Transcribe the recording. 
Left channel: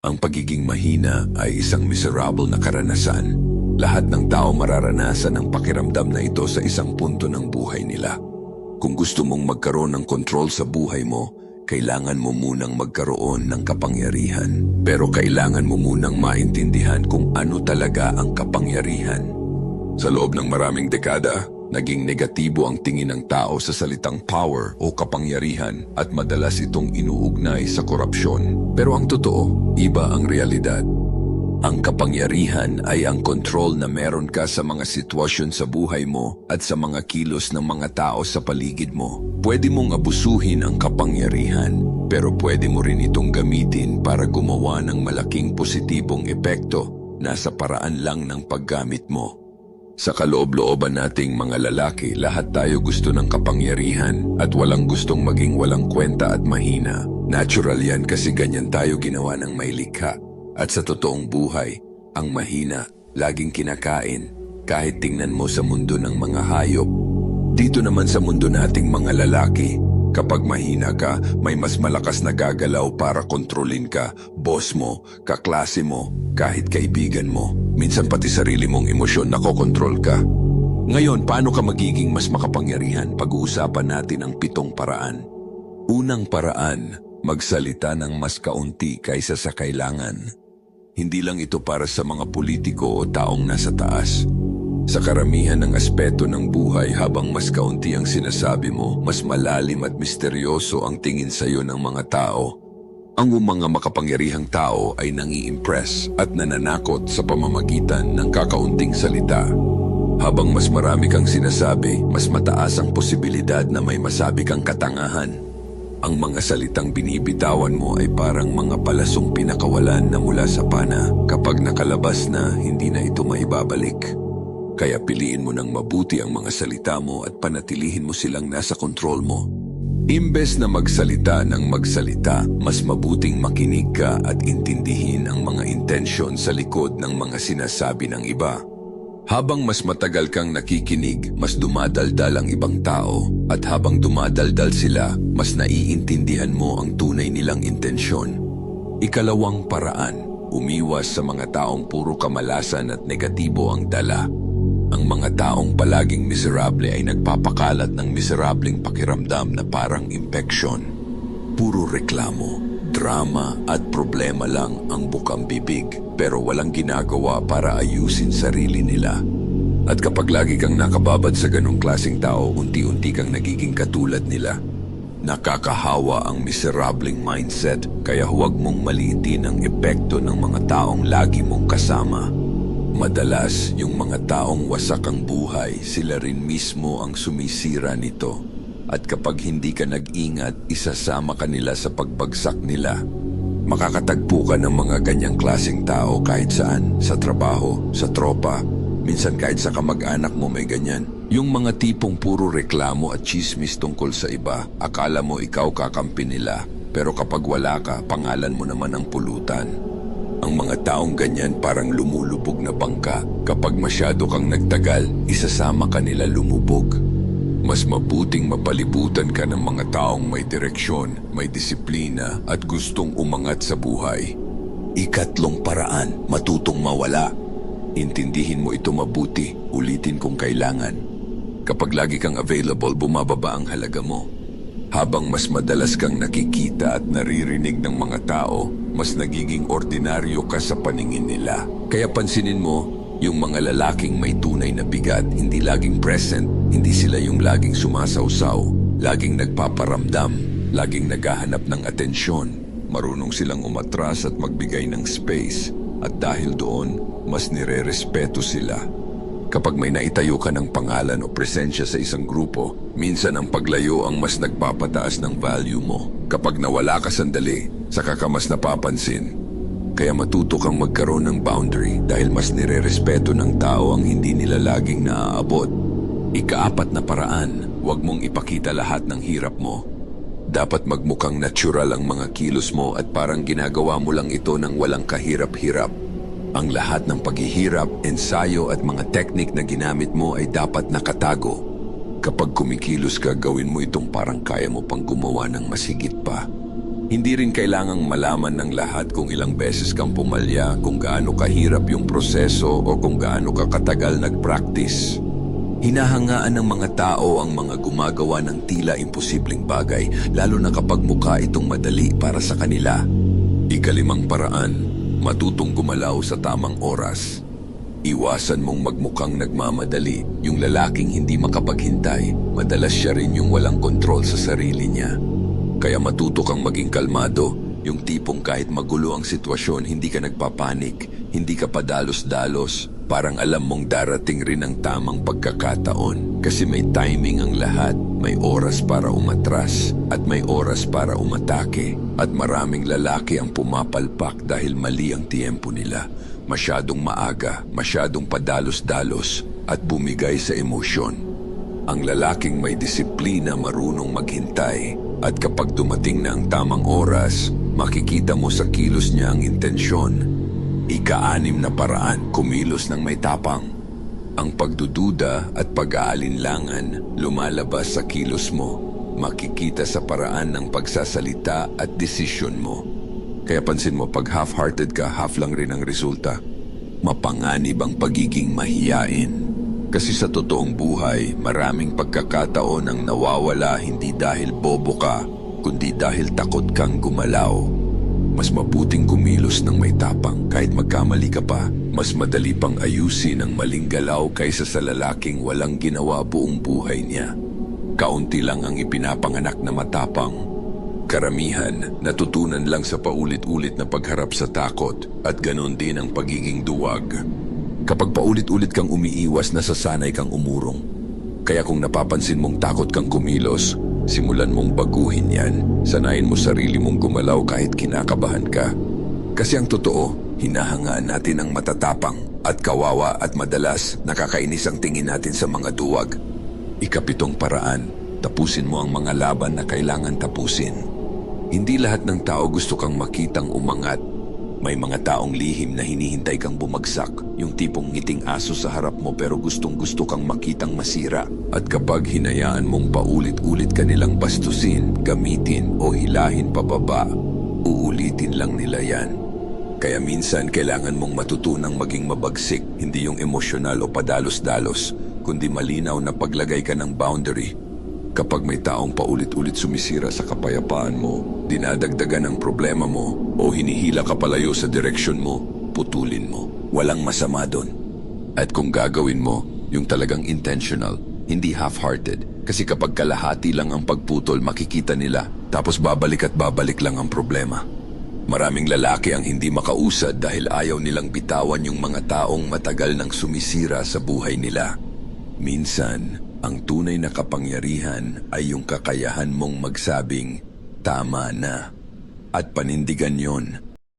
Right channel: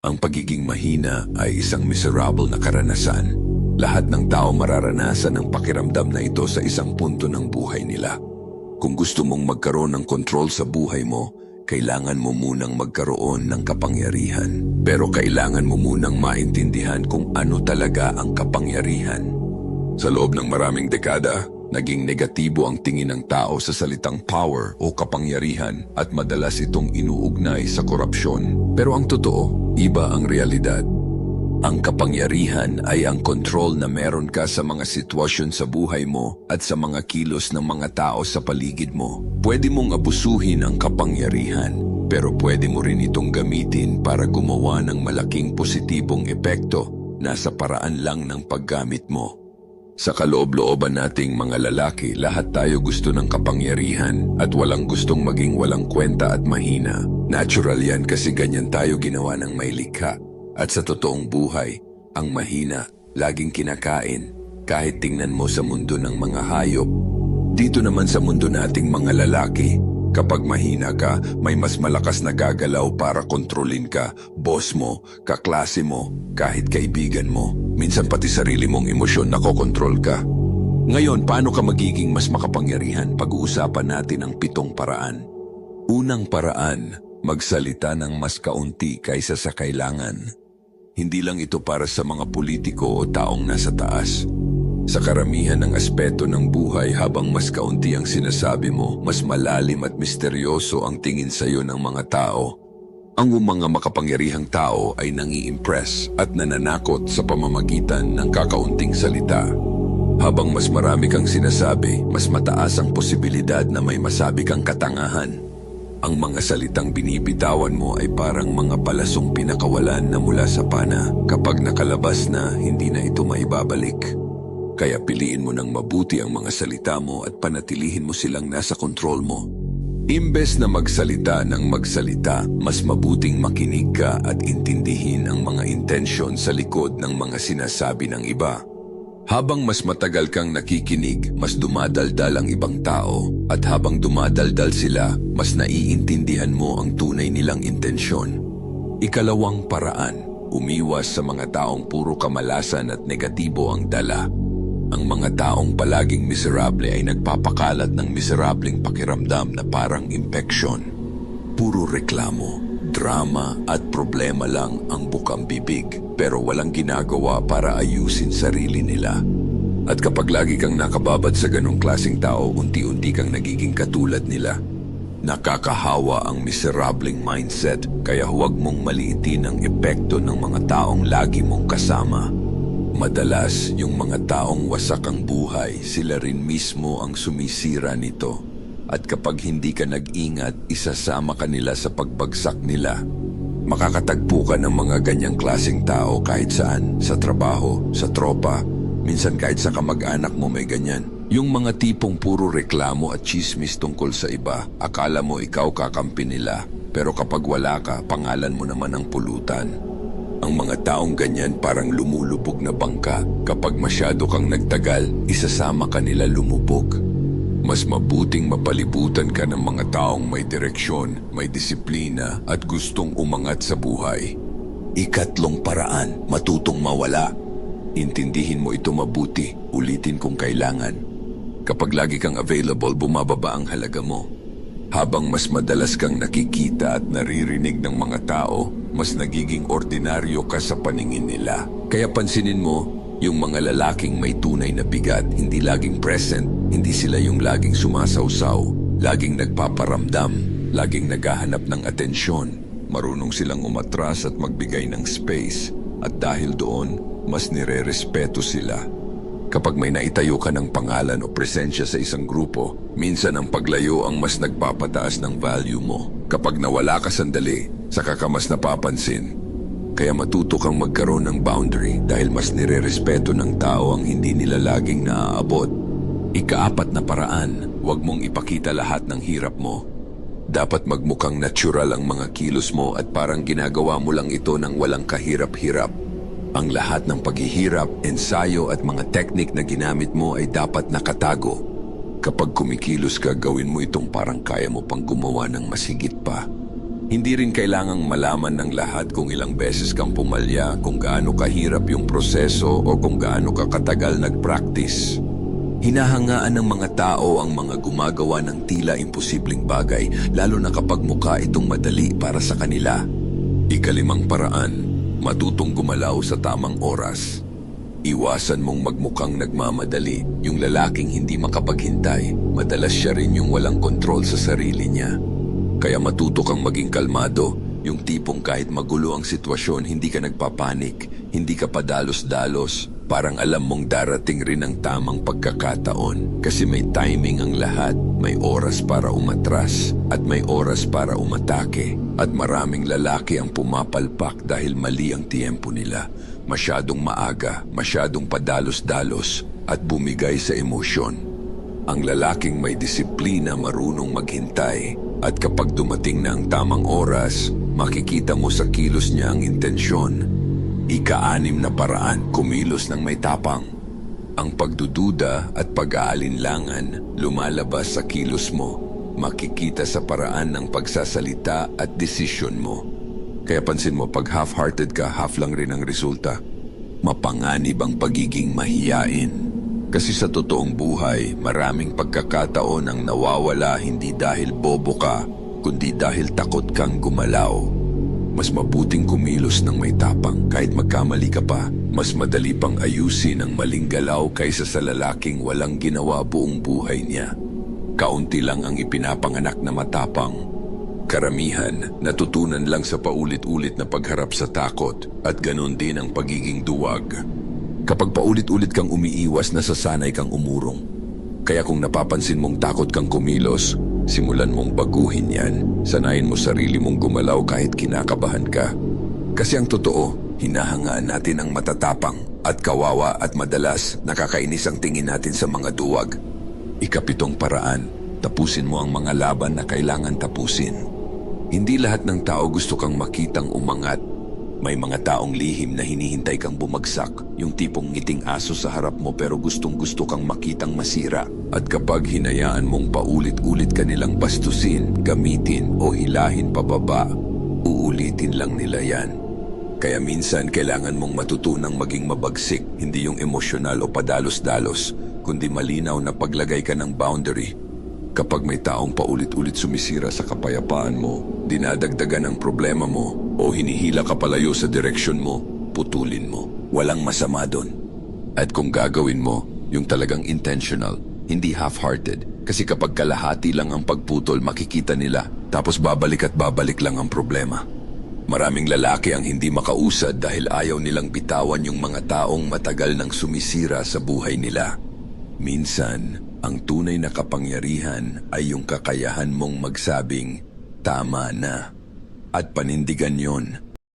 Ang pagiging mahina ay isang miserable na karanasan. Lahat ng tao mararanasan ang pakiramdam na ito sa isang punto ng buhay nila. Kung gusto mong magkaroon ng kontrol sa buhay mo, kailangan mo munang magkaroon ng kapangyarihan. Pero kailangan mo munang maintindihan kung ano talaga ang kapangyarihan. Sa loob ng maraming dekada, naging negatibo ang tingin ng tao sa salitang power o kapangyarihan at madalas itong inuugnay sa korupsyon. Pero ang totoo, iba ang realidad. Ang kapangyarihan ay ang kontrol na meron ka sa mga sitwasyon sa buhay mo at sa mga kilos ng mga tao sa paligid mo. Pwede mong abusuhin ang kapangyarihan, pero pwede mo rin itong gamitin para gumawa ng malaking positibong epekto. Nasa paraan lang ng paggamit mo. Sa kaloob-looban nating mga lalaki, lahat tayo gusto ng kapangyarihan at walang gustong maging walang kwenta at mahina. Natural yan kasi ganyan tayo ginawa ng may likha. At sa totoong buhay, ang mahina, laging kinakain, kahit tingnan mo sa mundo ng mga hayop. Dito naman sa mundo nating mga lalaki, kapag mahina ka, may mas malakas na gagalaw para kontrolin ka, boss mo, kaklase mo, kahit kaibigan mo. Minsan pati sarili mong emosyon nakokontrol ka. Ngayon, paano ka magiging mas makapangyarihan? Pag-uusapan natin ang 7 paraan. Unang paraan, magsalita ng mas kaunti kaysa sa kailangan. Hindi lang ito para sa mga politiko o taong nasa taas. Sa karamihan ng aspeto ng buhay, habang mas kaunti ang sinasabi mo, mas malalim at misteryoso ang tingin sa iyo ng mga tao. Ang mga makapangyarihang tao ay nangi-impress at nananakot sa pamamagitan ng kakaunting salita. Habang mas marami kang sinasabi, mas mataas ang posibilidad na may masabi kang katangahan. Ang mga salitang binibitawan mo ay parang mga palasong pinakawalan na mula sa pana. Kapag nakalabas na, hindi na ito maibabalik. Kaya piliin mo ng mabuti ang mga salita mo at panatilihin mo silang nasa kontrol mo. Imbes na magsalita ng magsalita, mas mabuting makinig ka at intindihin ang mga intensyon sa likod ng mga sinasabi ng iba. Habang mas matagal kang nakikinig, mas dumadaldal ang ibang tao, at habang dumadaldal sila, mas naiintindihan mo ang tunay nilang intensyon. Ikalawang paraan, umiwas sa mga taong puro kamalasan at negatibo ang dala. Ang mga taong palaging miserable ay nagpapakalat ng miserableng pakiramdam na parang impeksyon. Puro reklamo, drama at problema lang ang bukang bibig, pero walang ginagawa para ayusin sarili nila. At kapag lagi kang nakababad sa ganong klaseng tao, unti-unti kang nagiging katulad nila. Nakakahawa ang miserableng mindset, kaya huwag mong maliitin ang epekto ng mga taong lagi mong kasama. Madalas, yung mga taong wasak ang buhay, sila rin mismo ang sumisira nito. At kapag hindi ka nag-ingat, isasama ka nila sa pagbagsak nila. Makakatagpo ka ng mga ganyang klaseng tao kahit saan, sa trabaho, sa tropa, minsan kahit sa kamag-anak mo may ganyan. Yung mga tipong puro reklamo at chismis tungkol sa iba, akala mo ikaw kakampi nila, pero kapag wala ka, pangalan mo naman ang pulutan. Ang mga taong ganyan parang lumulubog na bangka. Kapag masyado kang nagtagal, isasama ka nila lumubog. Mas mabuting mapalibutan ka ng mga taong may direksyon, may disiplina at gustong umangat sa buhay. Ikatlong paraan, matutong mawala. Intindihin mo ito mabuti, ulitin kung kailangan. Kapag lagi kang available, bumababa ang halaga mo. Habang mas madalas kang nakikita at naririnig ng mga tao, mas nagiging ordinaryo ka sa paningin nila. Kaya pansinin mo, yung mga lalaking may tunay na bigat, hindi laging present, hindi sila yung laging sumasawsaw, laging nagpaparamdam, laging naghahanap ng atensyon. Marunong silang umatras at magbigay ng space, at dahil doon, mas nire-respeto sila. Kapag may naitayo ka ng pangalan o presensya sa isang grupo, minsan ang paglayo ang mas nagpapataas ng value mo. Kapag nawala ka sandali, saka ka mas napapansin. Kaya matuto kang magkaroon ng boundary dahil mas nire-respeto ng tao ang hindi nila laging naaabot. Ika-4 na paraan, huwag mong ipakita lahat ng hirap mo. Dapat magmukhang natural ang mga kilos mo at parang ginagawa mo lang ito ng walang kahirap-hirap. Ang lahat ng paghihirap, ensayo at mga teknik na ginamit mo ay dapat nakatago. Kapag kumikilos ka, gawin mo itong parang kaya mo pang gumawa ng mas higit pa. Hindi rin kailangang malaman ng lahat kung ilang beses kang pumalya, kung gaano kahirap yung proseso o kung gaano ka katagal nag-practice. Hinahangaan ng mga tao ang mga gumagawa ng tila imposibleng bagay, lalo na kapag mukha itong madali para sa kanila. Ikalimang paraan, matutong gumalaw sa tamang oras. Iwasan mong magmukhang nagmamadali. Yung lalaking hindi makapaghintay, madalas siya rin yung walang kontrol sa sarili niya. Kaya matuto kang maging kalmado, yung tipong kahit magulo ang sitwasyon, hindi ka nagpapanik, hindi ka padalos-dalos, parang alam mong darating rin ang tamang pagkakataon. Kasi may timing ang lahat, may oras para umatras, at may oras para umatake. At maraming lalaki ang pumapalpak dahil mali ang tiempo nila. Masyadong maaga, masyadong padalos-dalos, at bumigay sa emosyon. Ang lalaking may disiplina marunong maghintay, at kapag dumating na ang tamang oras, makikita mo sa kilos niya ang intensyon. Ika-6 na paraan, kumilos ng may tapang. Ang pagdududa at pag-aalinlangan lumalabas sa kilos mo. Makikita sa paraan ng pagsasalita at desisyon mo. Kaya pansin mo, pag half-hearted ka, half lang rin ang resulta. Mapanganib ang pagiging mahiyain. Kasi sa totoong buhay, maraming pagkakataon ang nawawala hindi dahil bobo ka, kundi dahil takot kang gumalaw. Mas mabuting kumilos ng may tapang kahit magkamali ka pa. Mas madali pang ayusin ang maling galaw kaysa sa lalaking walang ginawa buong buhay niya. Kaunti lang ang ipinapanganak na matapang. Karamihan, natutunan lang sa paulit-ulit na pagharap sa takot at ganun din ang pagiging duwag. Kapag paulit-ulit kang umiiwas, nasasanay kang umurong. Kaya kung napapansin mong takot kang kumilos, simulan mong baguhin yan. Sanayin mo sarili mong gumalaw kahit kinakabahan ka. Kasi ang totoo, hinahangaan natin ang matatapang at kawawa at madalas nakakainis ang tingin natin sa mga duwag. Ika-7 paraan, tapusin mo ang mga laban na kailangan tapusin. Hindi lahat ng tao gusto kang makitang umangat. May mga taong lihim na hinihintay kang bumagsak, yung tipong ngiting aso sa harap mo pero gustong-gusto kang makitang masira. At kapag hinayaan mong paulit-ulit ka nilang bastusin, gamitin o hilahin pababa, uulitin lang nila yan. Kaya minsan kailangan mong matutunang maging mabagsik, hindi yung emosyonal o padalos-dalos, kundi malinaw na paglagay ka ng boundary. Kapag may taong paulit-ulit sumisira sa kapayapaan mo, dinadagdagan ang problema mo, o hinihila ka palayo sa direksyon mo, putulin mo. Walang masama doon. At kung gagawin mo, yung talagang intentional, hindi half-hearted. Kasi kapag kalahati lang ang pagputol, makikita nila, tapos babalik at babalik lang ang problema. Maraming lalaki ang hindi makausad dahil ayaw nilang bitawan yung mga taong matagal nang sumisira sa buhay nila. Minsan, ang tunay na kapangyarihan ay yung kakayahan mong magsabing, tama na. At panindigan yon